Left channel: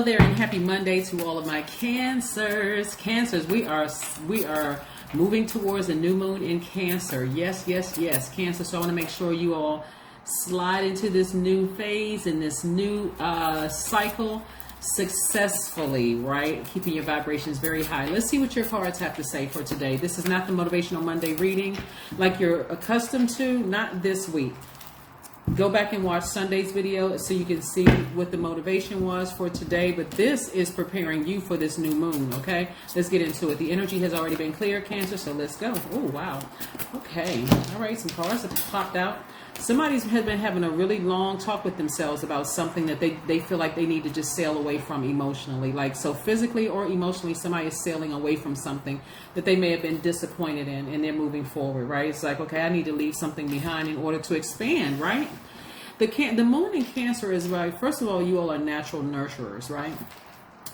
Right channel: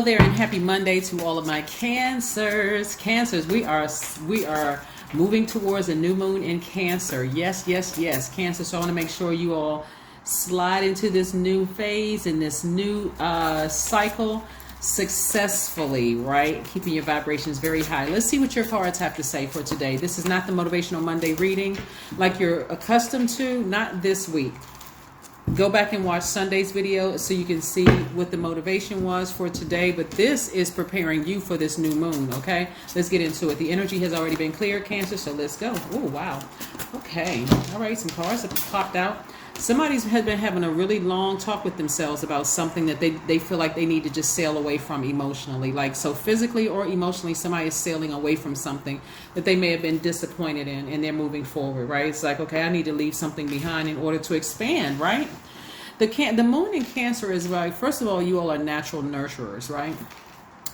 Hello there, and happy Monday to all of my Cancers. Cancers, we are moving towards a new moon in Cancer. Yes, Cancer. So I want to make sure you all slide into this new phase and this new cycle successfully, right? Keeping your vibrations very high. Let's see what your cards have to say for today. This is not the Motivational Monday reading like you're accustomed to, not this week. Go back and watch Sunday's video so you can see what the motivation was for today. But this is preparing you for this new moon, okay? Let's get into it. The energy has already been cleared, Cancer, so let's go. Oh, wow. Okay. All right, some cards have popped out. Somebody's has been having a really long talk with themselves about something that they feel like they need to just sail away from emotionally. Like, so physically or emotionally, somebody is sailing away from something that they may have been disappointed in, and they're moving forward, right? It's like, okay, I need to leave something behind in order to expand, right? The moon in Cancer is, right, first of all, you all are natural nurturers, right?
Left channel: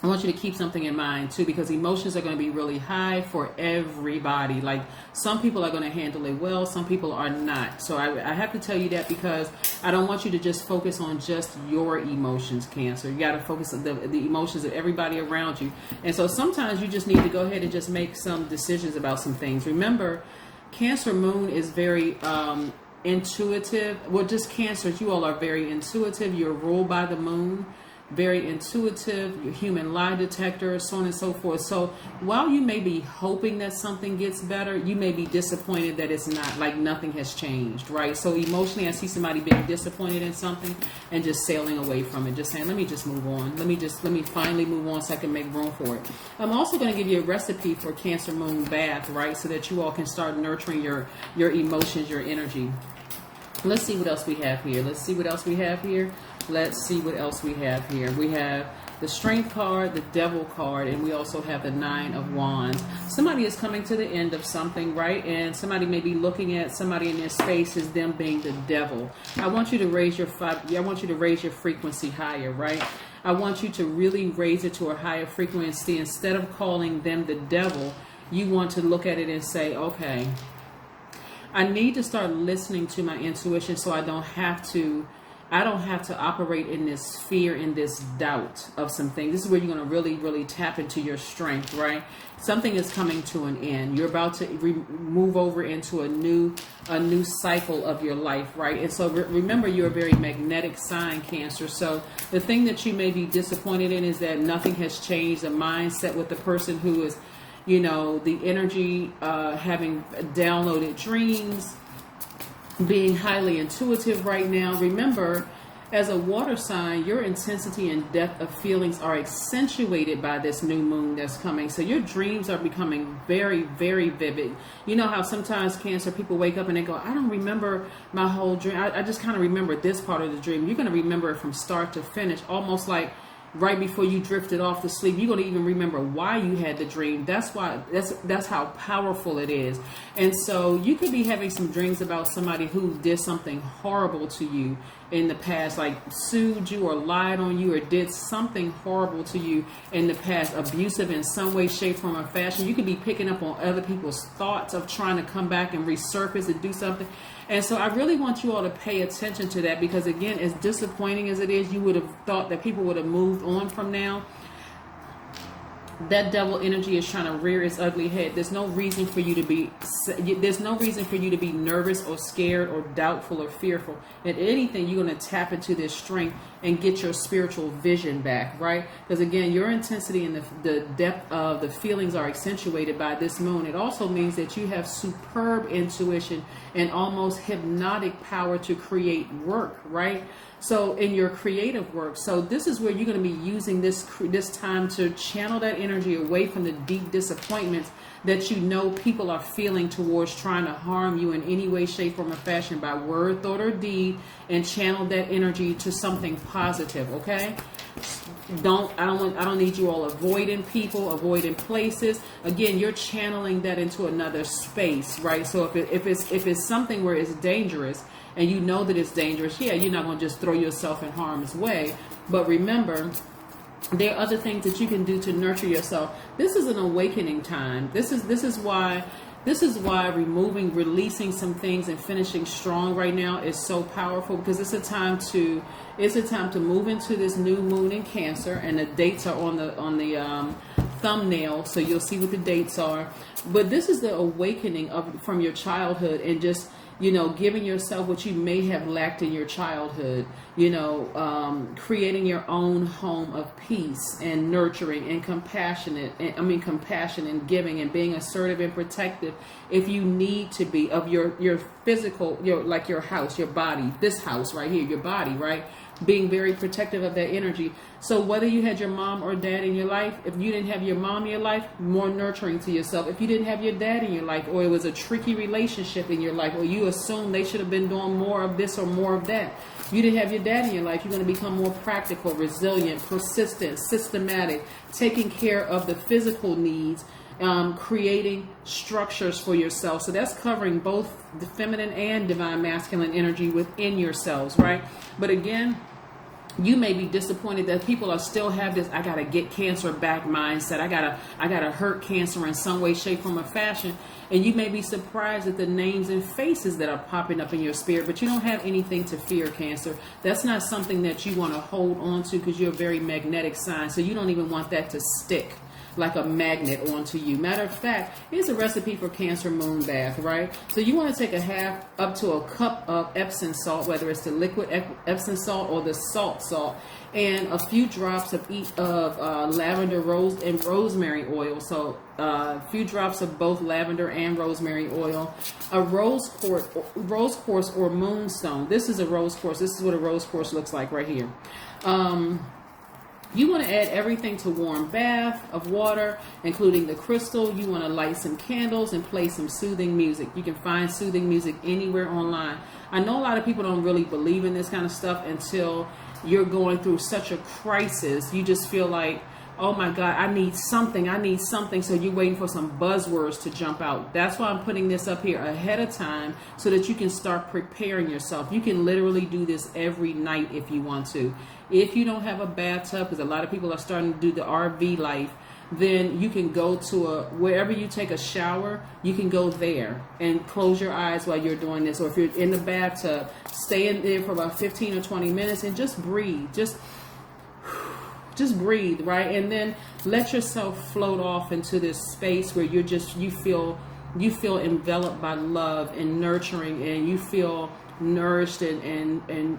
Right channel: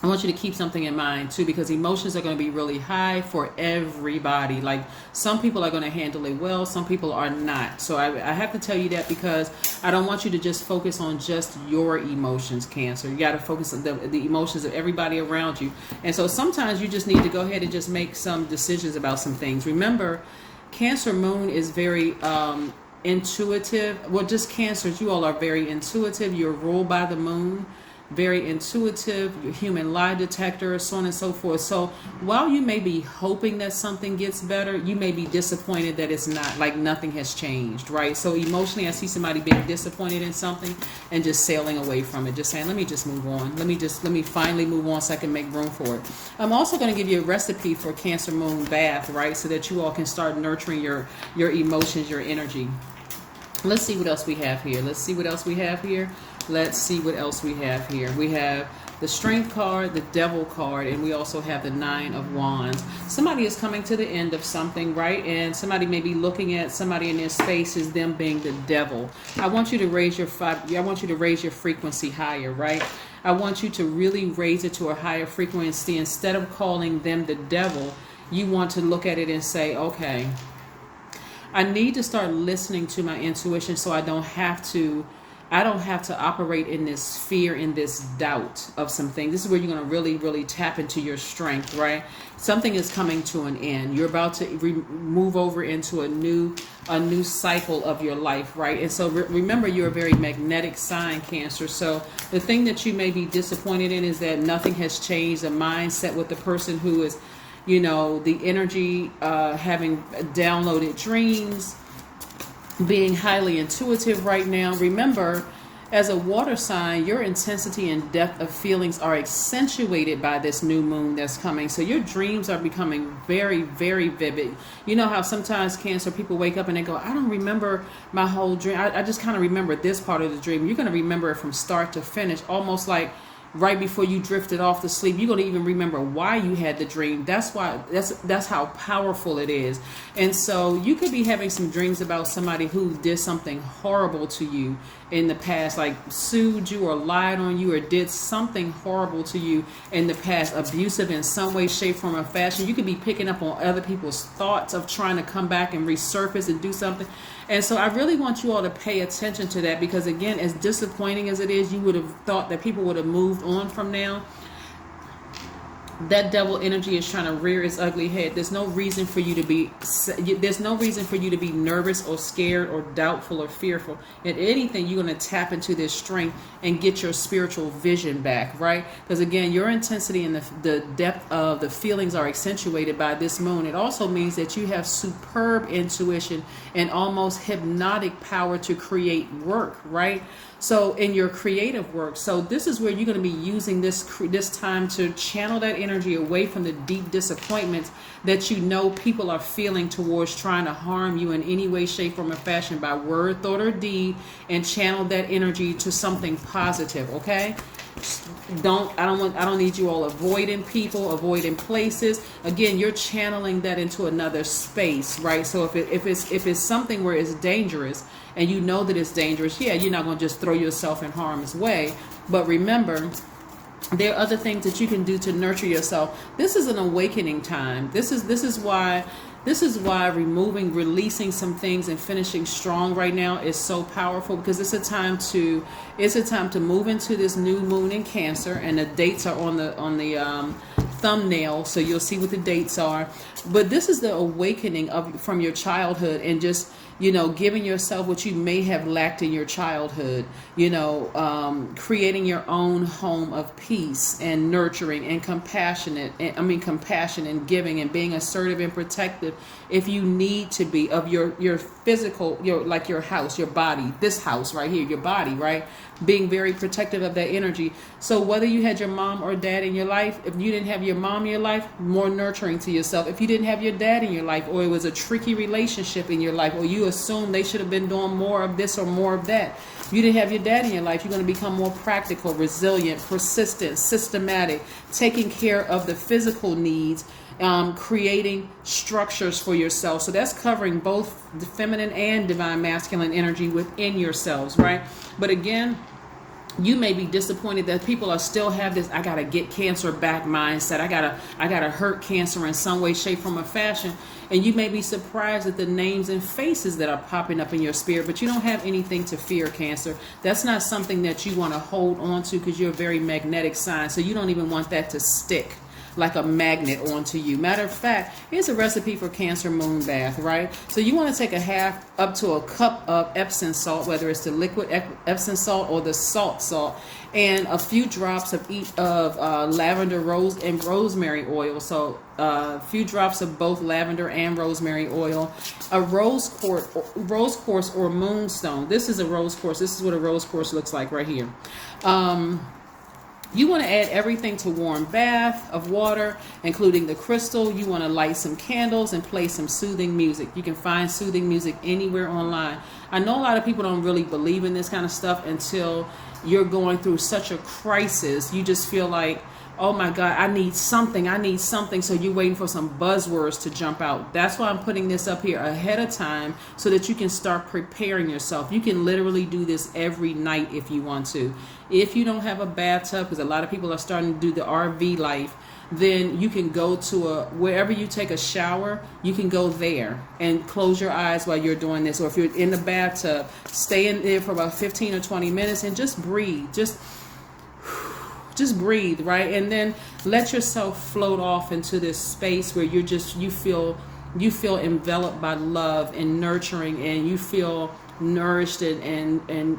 I want you to keep something in mind too, because emotions are going to be really high for everybody. Like, some people are going to handle it well, some people are not. So I have to tell you that, because I don't want you to just focus on just your emotions, Cancer. You got to focus on the emotions of everybody around you. And so sometimes you just need to go ahead and just make some decisions about some things. Remember, Cancer moon is very intuitive. Well, just Cancers, you all are very intuitive. You're ruled by the moon. Very intuitive, your human lie detector, so on and so forth. So while you may be hoping that something gets better, you may be disappointed that it's not, like nothing has changed, right? So emotionally, I see somebody being disappointed in something and just sailing away from it, just saying, let me just move on. Let me finally move on so I can make room for it. I'm also going to give you a recipe for Cancer moon bath, right? So that you all can start nurturing your emotions, your energy. Let's see what else we have here. Let's see what else we have here. We have the Strength card, the Devil card, and we also have the Nine of Wands. Somebody is coming to the end of something, right? And somebody may be looking at somebody in their space as them being the devil. I want you to raise your frequency higher, right? I want you to really raise it to a higher frequency. Instead of calling them the devil, you want to look at it and say, okay, I need to start listening to my intuition so I don't have to operate in this fear, in this doubt of something. This is where you're going to really tap into your strength, right? Something is coming to an end. You're about to move over into a new cycle of your life, right? And so remember, you're a very magnetic sign, Cancer. So the thing that you may be disappointed in is that nothing has changed. The mindset with the person who is, the energy, having downloaded dreams, being highly intuitive right now. Remember, as a water sign, your intensity and depth of feelings are accentuated by this new moon that's coming. So your dreams are becoming very, very vivid. You know how sometimes, Cancer, people wake up and they go, I don't remember my whole dream. I just kind of remember this part of the dream. You're going to remember it from start to finish, almost like right before you drifted off to sleep. You're going to even remember why you had the dream. That's how powerful it is. And so you could be having some dreams about somebody who did something horrible to you in the past, like sued you or lied on you or did something horrible to you in the past, abusive in some way, shape, form, or fashion. You could be picking up on other people's thoughts of trying to come back and resurface and do something. And so I really want you all to pay attention to that, because again, as disappointing as it is, you would have thought that people would have moved on from now. That devil energy is trying to rear its ugly head. There's no reason for you to be nervous or scared or doubtful or fearful. If anything, you're going to tap into this strength and get your spiritual vision back, right? Because again, your intensity and the depth of the feelings are accentuated by this moon. It also means that you have superb intuition and almost hypnotic power to create work, right? So in your creative work. So this is where you're going to be using this time to channel that energy away from the deep disappointments that people are feeling towards trying to harm you in any way, shape, form, or fashion by word, thought, or deed, and channel that energy to something positive, okay? I don't need you all avoiding people, avoiding places. Again, you're channeling that into another space, right? So if it's something where it's dangerous, and you know that it's dangerous, you're not going to just throw yourself in harm's way. But remember, there are other things that you can do to nurture yourself. This is an awakening time. This is why This is why releasing some things and finishing strong right now is so powerful, because it's a time to move into this new moon in Cancer, and the dates are on the thumbnail, so you'll see what the dates are. But this is the awakening from your childhood, and just, you know, giving yourself what you may have lacked in your childhood, you know, creating your own home of peace and nurturing and compassion and giving, and being assertive and protective if you need to be, of your physical, your house, your body, this house right here, your body, right? Being very protective of that energy. So whether you had your mom or dad in your life, if you didn't have your mom in your life, more nurturing to yourself. If you didn't have your dad in your life, or it was a tricky relationship in your life, or you assumed they should have been doing more of this or more of that, you didn't have your dad in your life, you're going to become more practical, resilient, persistent, systematic, taking care of the physical needs, creating structures for yourself. So that's covering both the feminine and divine masculine energy within yourselves, right? But again, you may be disappointed that people are still have this "I gotta get Cancer back" mindset. I gotta hurt Cancer in some way, shape, form, or fashion. And you may be surprised at the names and faces that are popping up in your spirit, but you don't have anything to fear, Cancer. That's not something that you want to hold on to, because you're a very magnetic sign. So you don't even want that to stick like a magnet onto you. Matter of fact, here's a recipe for Cancer moon bath, right? So you want to take a half up to a cup of Epsom salt, whether it's the liquid Epsom salt or the salt, and a few drops of lavender, rose, and rosemary oil. So a few drops of both lavender and rosemary oil, a rose quartz or moonstone. This is a rose quartz. This is what a rose quartz looks like right here. You want to add everything to warm bath of water, including the crystal. You want to light some candles and play some soothing music. You can find soothing music anywhere online. I know a lot of people don't really believe in this kind of stuff until you're going through such a crisis. You just feel like, oh my God, I need something. So you're waiting for some buzzwords to jump out. That's why I'm putting this up here ahead of time, so that you can start preparing yourself. You can literally do this every night if you want to. If you don't have a bathtub, because a lot of people are starting to do the RV life, then you can go to wherever you take a shower, you can go there and close your eyes while you're doing this. Or if you're in the bathtub, stay in there for about 15 or 20 minutes and just breathe. Just breathe, right? And then let yourself float off into this space where you feel enveloped by love and nurturing, and you feel nourished and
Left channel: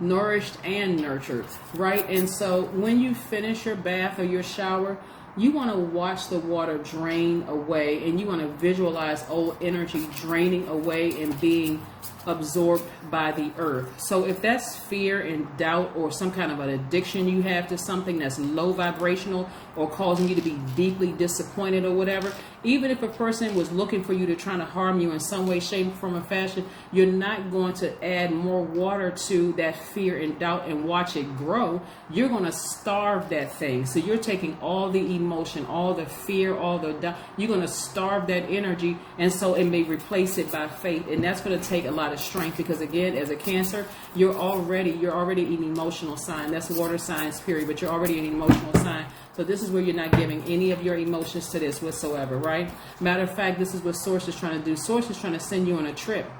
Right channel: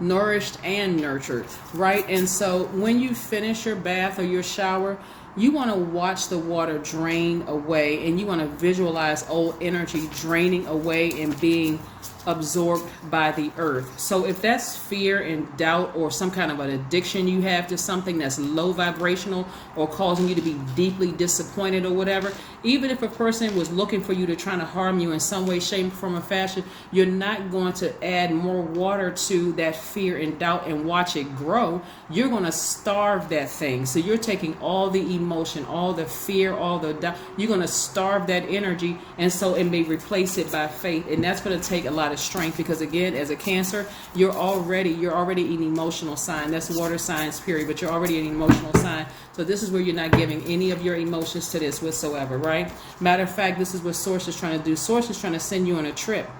nourished and nurtured, right? And so when you finish your bath or your shower, you want to watch the water drain away, and you want to visualize old energy draining away and being absorbed by the earth. So if that's fear and doubt, or some kind of an addiction you have to something that's low vibrational, or causing you to be deeply disappointed or whatever, even if a person was looking for you to try to harm you in some way, shape, form, or fashion, you're not going to add more water to that fear and doubt and watch it grow. You're going to starve that thing. So you're taking all the emotion, all the fear, all the doubt, you're going to starve that energy, and so it may replace it by faith. And that's going to take a lot of strength, because again, as a Cancer, you're already an emotional sign. That's water signs, period, but you're already an emotional sign. So this is where you're not giving any of your emotions to this whatsoever, right? Matter of fact, this is what Source is trying to do. Source is trying to send you on a trip,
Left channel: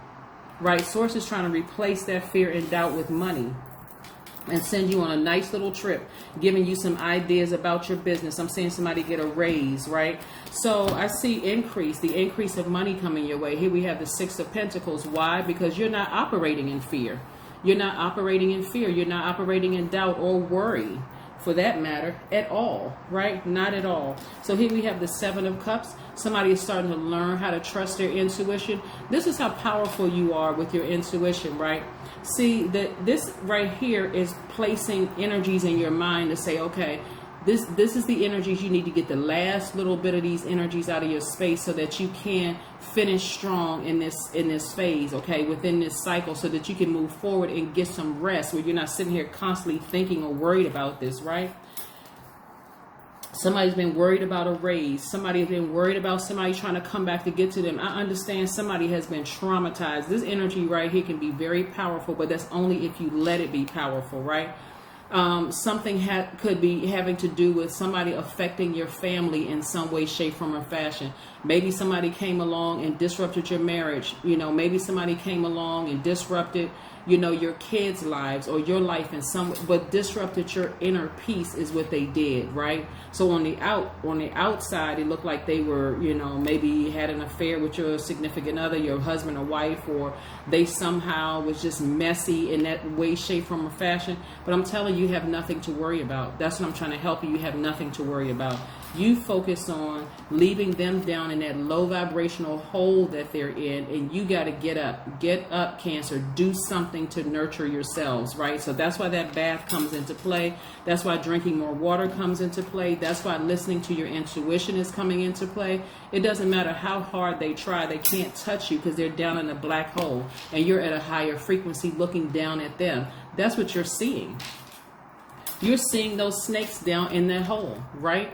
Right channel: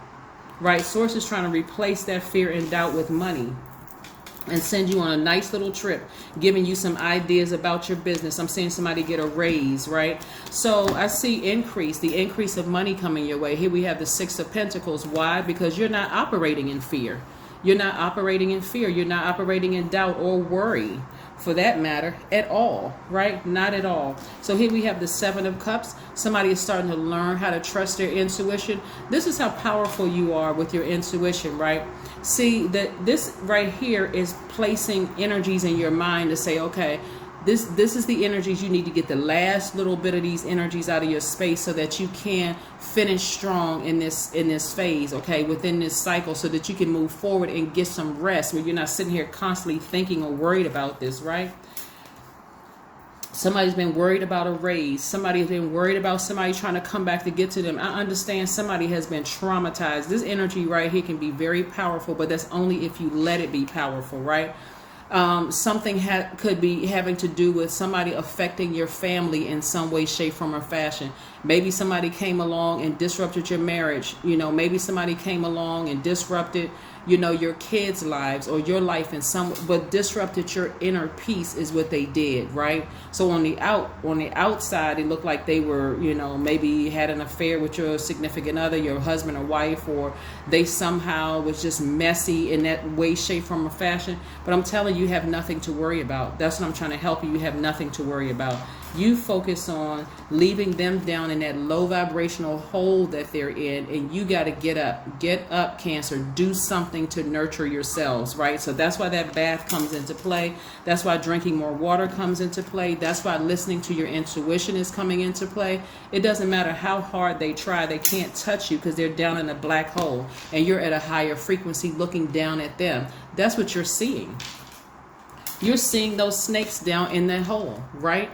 right? Source is trying to replace that fear and doubt with money and send you on a nice little trip, giving you some ideas about your business. I'm seeing somebody get a raise, right? So I see the increase of money coming your way. Here we have the Six of Pentacles. Why? Because you're not operating in fear. You're not operating in fear. You're not operating in doubt or worry, for that matter, at all, right? Not at all. So here we have the Seven of Cups. Somebody is starting to learn how to trust their intuition. This is how powerful you are with your intuition, right? See, this right here is placing energies in your mind to say, okay, this is the energies you need to get the last little bit of these energies out of your space, so that you can finish strong in this phase, okay, within this cycle, so that you can move forward and get some rest, where you're not sitting here constantly thinking or worried about this, right? Somebody's been worried about a raise. Somebody's been worried about somebody trying to come back to get to them. I understand somebody has been traumatized. This energy right here can be very powerful, but that's only if you let it be powerful, right? Something could be having to do with somebody affecting your family in some way, shape, form, or fashion. Maybe somebody came along and disrupted your marriage. Maybe somebody came along and disrupted, your kids' lives or your life in but disrupted your inner peace is what they did, right? So on the outside, it looked like they were, maybe had an affair with your significant other, your husband or wife, or they somehow was just messy in that way, shape, form, or fashion. But I'm telling you, you have nothing to worry about. That's what I'm trying to help you. You have nothing to worry about. You focus on leaving them down in that low vibrational hole that they're in, and you got to get up, Cancer. Do something to nurture yourselves, right? So that's why that bath comes into play. That's why drinking more water comes into play. That's why listening to your intuition is coming into play. It doesn't matter how hard they try, they can't touch you because they're down in a black hole, and you're at a higher frequency looking down at them. That's what you're seeing. You're seeing those snakes down in that hole, right?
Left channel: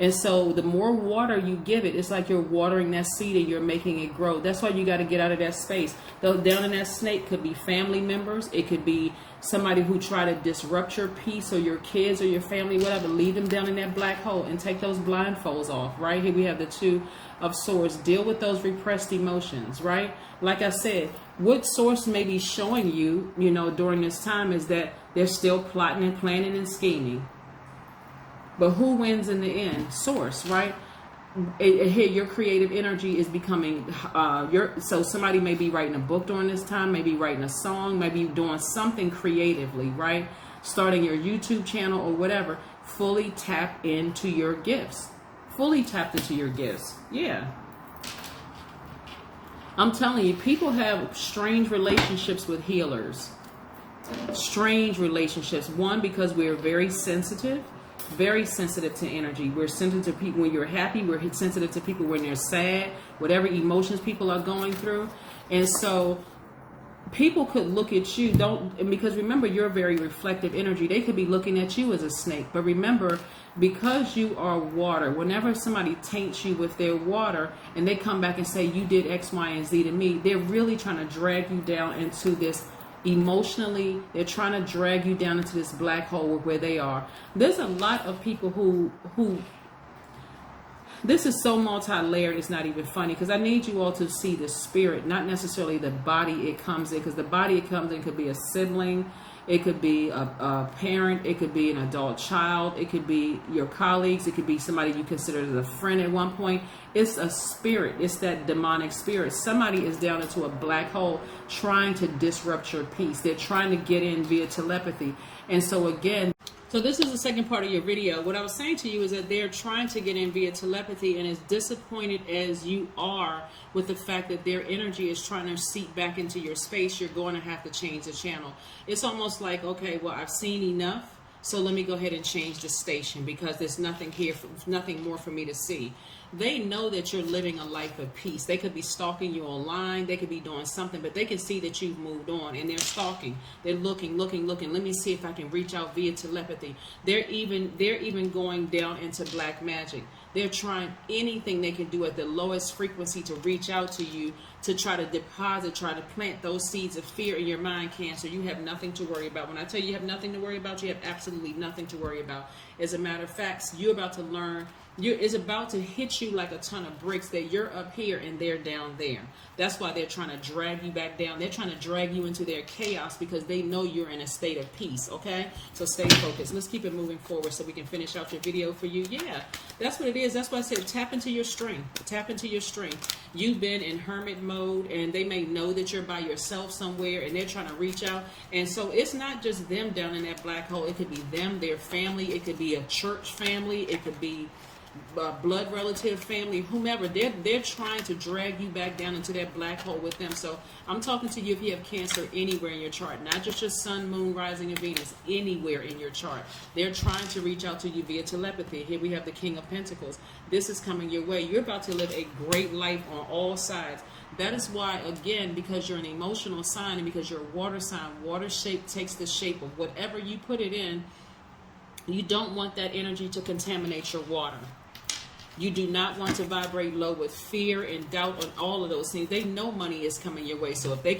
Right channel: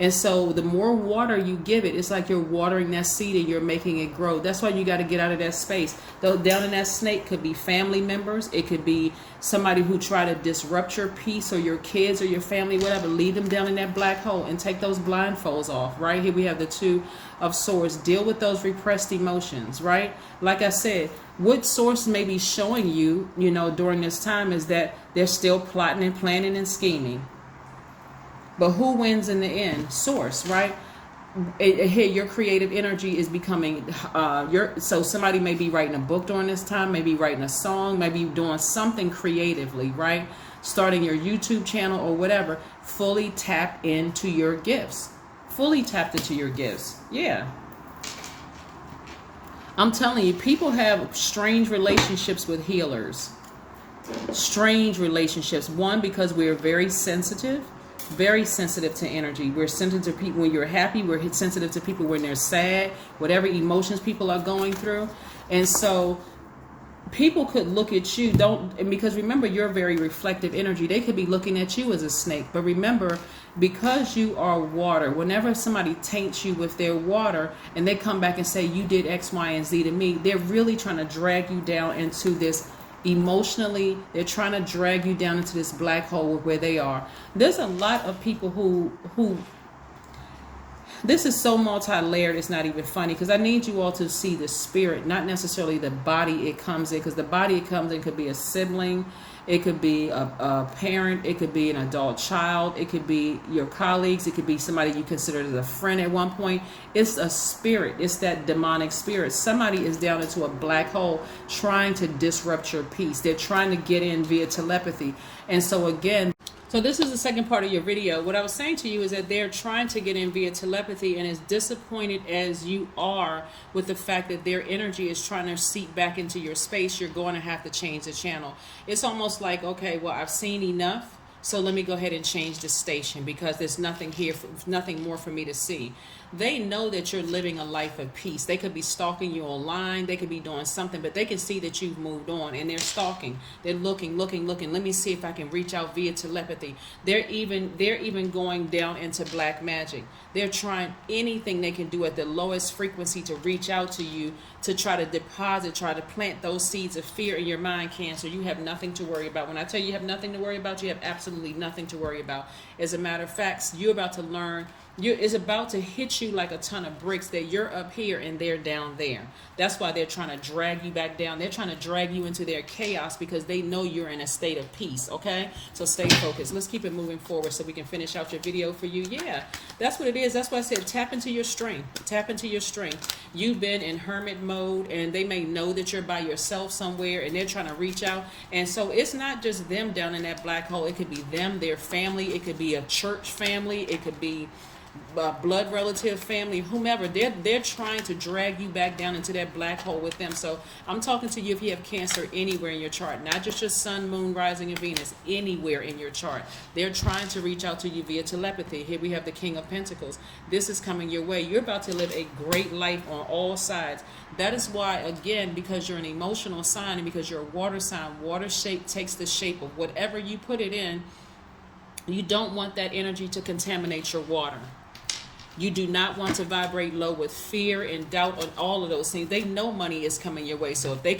And so the more water you give it, it's like you're watering that seed and you're making it grow. That's why you got to get out of that space. Though down in that snake could be family members. It could be somebody who try to disrupt your peace, or your kids or your family, whatever. Leave them down in that black hole and take those blindfolds off, right? Here we have the Two of Swords. Deal with those repressed emotions, right? Like I said, what source may be showing you, during this time is that they're still plotting and planning and scheming. But who wins in the end? Source, right? Here, your creative energy is becoming, so somebody may be writing a book during this time, maybe writing a song, maybe doing something creatively, right? Starting your YouTube channel or whatever. Fully tap into your gifts. Fully tapped into your gifts. Yeah. I'm telling you, people have strange relationships with healers. Strange relationships. One, because we are very sensitive to energy. We're sensitive to people when you're happy. We're sensitive to people when they're sad, whatever emotions people are going through. And so people could look at you, because remember, you're very reflective energy. They could be looking at you as a snake. But remember, because you are water, whenever somebody taints you with their water and they come back and say, you did X, Y, and Z to me, they're really trying to drag you down into this emotionally. They're trying to drag you down into this black hole where they are. There's a lot of people who this is so multi-layered, it's not even funny, because I need you all to see the spirit, not necessarily the body it comes in, because the body it comes in could be a sibling, it could be a parent, it could be an adult child, it could be your colleagues, it could be somebody you considered as a friend at one point. It's a spirit. It's that demonic spirit. Somebody is down into a black hole trying to disrupt your peace. They're trying to get in via telepathy. And so again, so this is the second part of your video. What I was saying to you is that they're trying to get in via telepathy, and as disappointed as you are with the fact that their energy is trying to seep back into your space, you're going to have to change the channel. It's almost like, okay, well, I've seen enough, so let me go ahead and change the station because there's nothing here, nothing more for me to see. They know that you're living a life of peace. They could be stalking you online. They could be doing something, but they can see that you've moved on, and they're stalking. They're looking. Let me see if I can reach out via telepathy. They're even going down into black magic. They're trying anything they can do at the lowest frequency to reach out to you, to try to try to plant those seeds of fear in your mind, Cancer. You have nothing to worry about. When I tell you have nothing to worry about, you have absolutely nothing to worry about. As a matter of fact, you're about to learn. It's about to hit you like a ton of bricks that you're up here and they're down there. That's why they're trying to drag you back down. They're trying to drag you into their chaos because they know you're in a state of peace, okay? So stay focused. Let's keep it moving forward so we can finish out your video for you. Yeah, that's what it is. That's why I said tap into your strength. Tap into your strength. You've been in hermit mode, and they may know that you're by yourself somewhere, and they're trying to reach out. And so it's not just them down in that black hole. It could be them, their family. It could be a church family. It could be blood relative, family, whomever. They're trying to drag you back down into that black hole with them. So I'm talking to you if you have Cancer anywhere in your chart, not just your sun, moon, rising, and Venus, anywhere in your chart. They're trying to reach out to you via telepathy. Here we have the King of Pentacles. This is coming your way. You're about to live a great life on all sides. That is why, again, because you're an emotional sign and because you're a water sign, water shape takes the shape of whatever you put it in. You don't want that energy to contaminate your water. You do not want to vibrate low with fear and doubt and all of those things. They know money is coming your way. So if they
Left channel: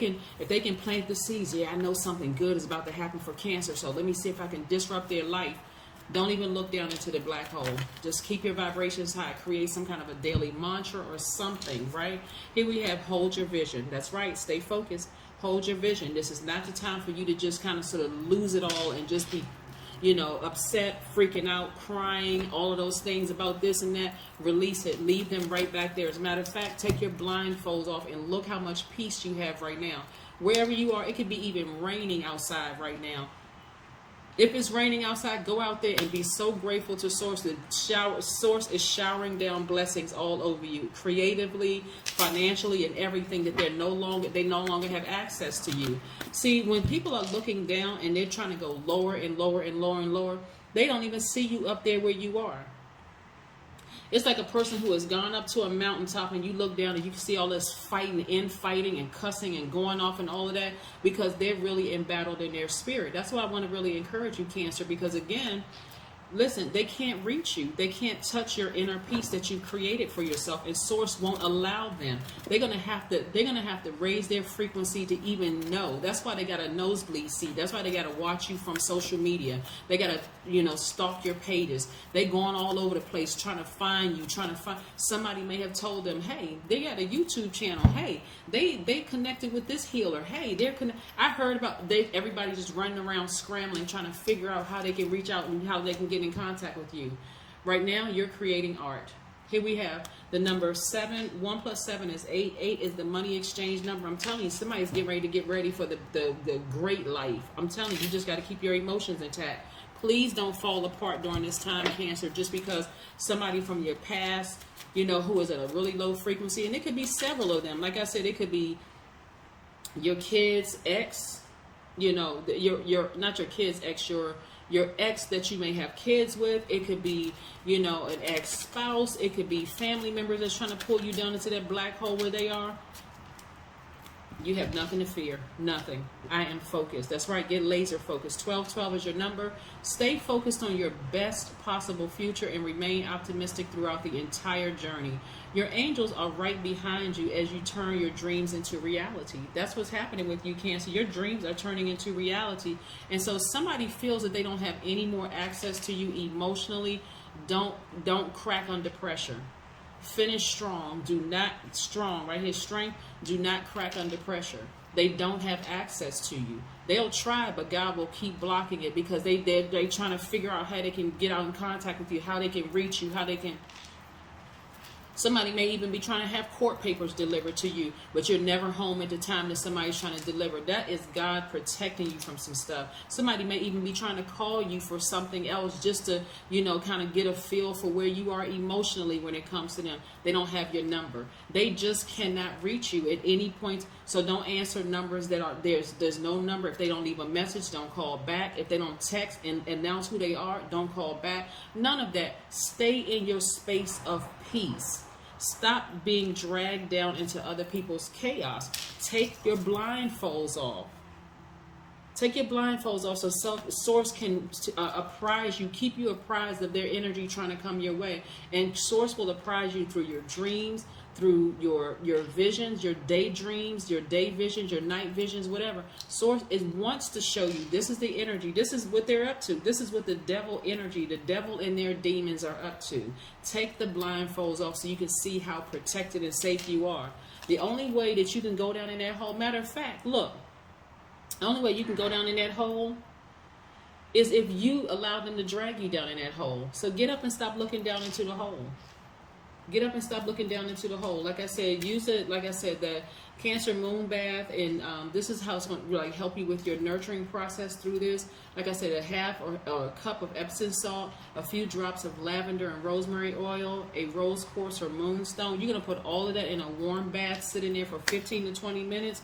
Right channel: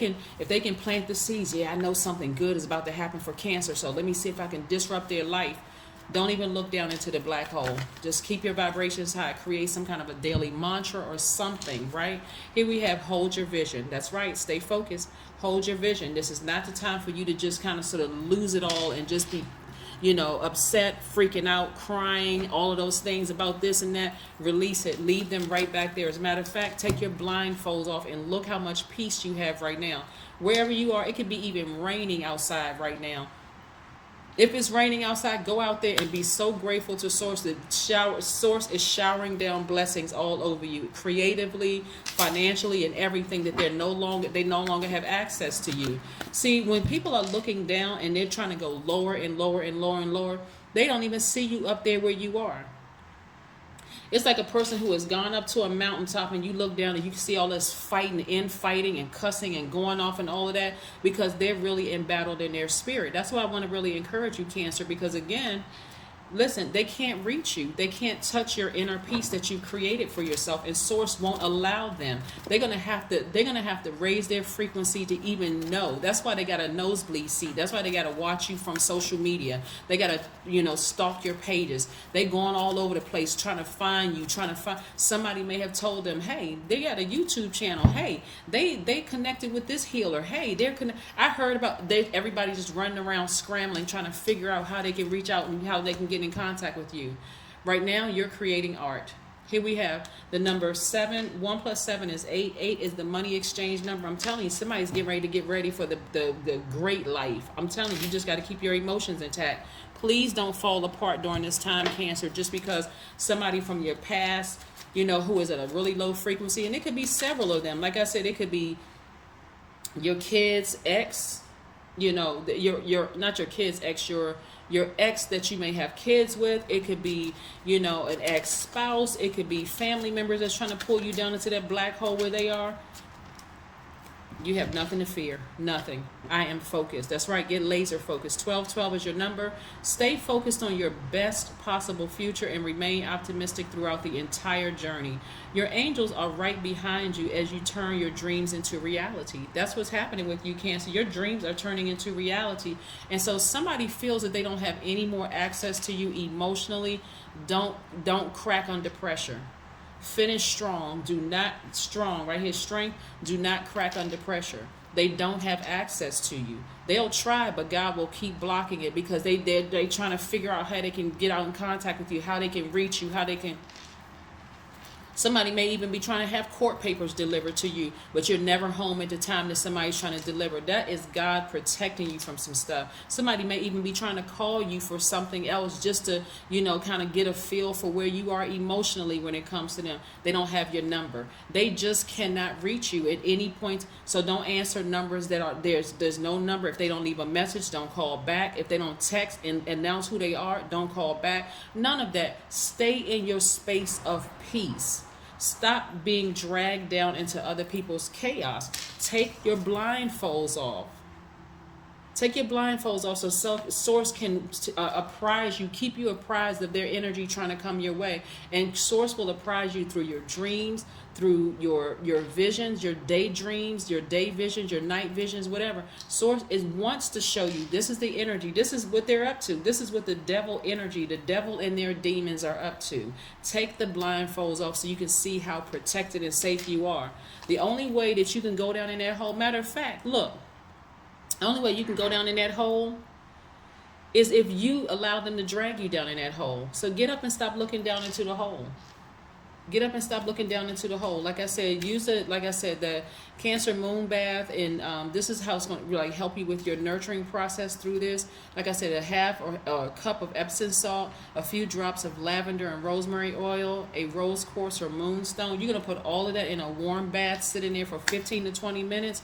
can plant the seeds, yeah, I know something good is about to happen for Cancer. So let me see if I can disrupt their life. Don't even look down into the black hole. Just keep your vibrations high. Create some kind of a daily mantra or something, right? Here we have hold your vision. That's right. Stay focused. Hold your vision. This is not the time for you to just kind of sort of lose it all and just be, upset, freaking out, crying, all of those things about this and that. Release it. Leave them right back there. As a matter of fact, take your blindfolds off and look how much peace you have right now. Wherever you are, it could be even raining outside right now. If it's raining outside, go out there and be so grateful to Source. The Source is showering down blessings all over you, creatively, financially, and everything, that they no longer have access to you. See, when people are looking down and they're trying to go lower and lower and lower and lower, they don't even see you up there where you are. It's like a person who has gone up to a mountaintop and you look down and you can see all this fighting and cussing and going off and all of that, because they're really embattled in their spirit. That's why I want to really encourage you, Cancer, because again, listen, they can't reach you. They can't touch your inner peace that you've created for yourself, and Source won't allow them. They're gonna have to raise their frequency to even know. That's why they got a nosebleed seat. That's why they gotta watch you from social media. They gotta, stalk your pages. They going all over the place trying to find you, somebody may have told them, hey, they got a YouTube channel. Hey, they connected with this healer. Hey, I heard about everybody just running around scrambling, trying to figure out how they can reach out and how they can get in contact with you. Right now, you're creating art. Here we have the number 7. 1 plus 7 is 8. 8 is the money exchange number. I'm telling you, somebody's getting ready for the great life. I'm telling you, you just got to keep your emotions intact. Please don't fall apart during this time, Cancer, just because somebody from your past, who is at a really low frequency, and it could be several of them. Like I said, it could be your kid's ex, your not your kid's ex, your ex that you may have kids with. It could be, an ex-spouse. It could be family members that's trying to pull you down into that black hole where they are. You have nothing to fear. Nothing. I am focused. That's right. Get laser focused. 1212 is your number. Stay focused on your best possible future and remain optimistic throughout the entire journey. Your angels are right behind you as you turn your dreams into reality. That's what's happening with you, Cancer. Your dreams are turning into reality. And so somebody feels that they don't have any more access to you emotionally. Don't crack under pressure. Finish strong. Do not strong right here. Strength. Do not crack under pressure. They don't have access to you. They'll try, but God will keep blocking it, because they're trying to figure out how they can get out in contact with you, how they can reach you, how they can. Somebody may even be trying to have court papers delivered to you, but you're never home at the time that somebody's trying to deliver. That is God protecting you from some stuff. Somebody may even be trying to call you for something else, just to, kind of get a feel for where you are emotionally when it comes to them. They don't have your number. They just cannot reach you at any point. So don't answer numbers that are there's no number. If they don't leave a message, don't call back. If they don't text and announce who they are, don't call back. None of that. Stay in your space of peace. Stop being dragged down into other people's chaos. Take your blindfolds off. Take your blindfolds off so Source can apprise you, keep you apprised of their energy trying to come your way. And Source will apprise you through your dreams, through your visions, your daydreams, your day visions, your night visions, whatever. Source wants to show you this is the energy. This is what they're up to. This is what the devil energy, the devil and their demons are up to. Take the blindfolds off so you can see how protected and safe you are. The only way that you can go down in that hole, matter of fact, look, the only way you can go down in that hole is if you allow them to drag you down in that hole. So get up and stop looking down into the hole. Get up and stop looking down into the hole. Like I said, use it. Like I said, the Cancer moon bath, and this is how it's going to really help you with your nurturing process through this. Like I said, a half or a cup of Epsom salt, a few drops of lavender and rosemary oil, a rose quartz or moonstone. You're going to put all of that in a warm bath, sit in there for 15 to 20 minutes.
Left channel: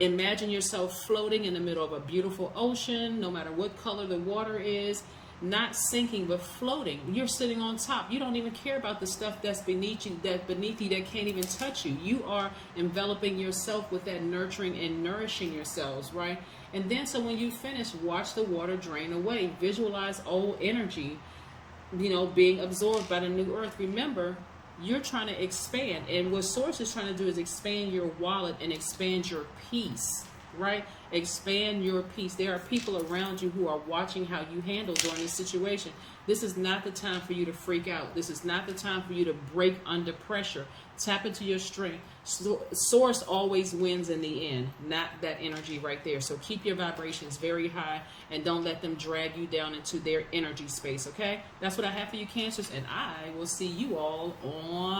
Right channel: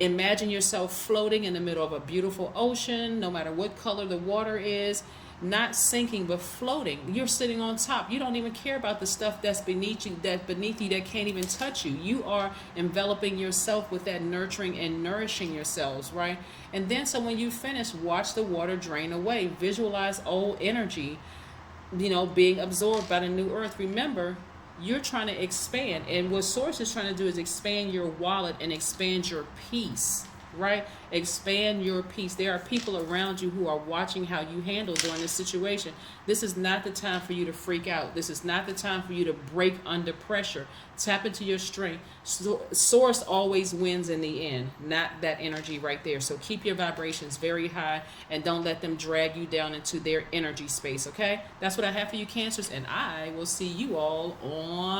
Imagine yourself floating in the middle of a beautiful ocean, no matter what color the water is. Not sinking, but floating. You're sitting on top. You don't even care about the stuff that's beneath you, that can't even touch you. You are enveloping yourself with that nurturing and nourishing yourselves, right? And then so when you finish, watch the water drain away. Visualize old energy being absorbed by the new earth. Remember, you're trying to expand, and what source is trying to do is expand your wallet and expand your peace, right? Expand your peace. There are people around you who are watching how you handle during this situation. This is not the time for you to freak out. This is not the time for you to break under pressure. Tap into your strength. Source always wins in the end, not that energy right there. So keep your vibrations very high and don't let them drag you down into their energy space, okay? That's what I have for you, Cancers, and I will see you all on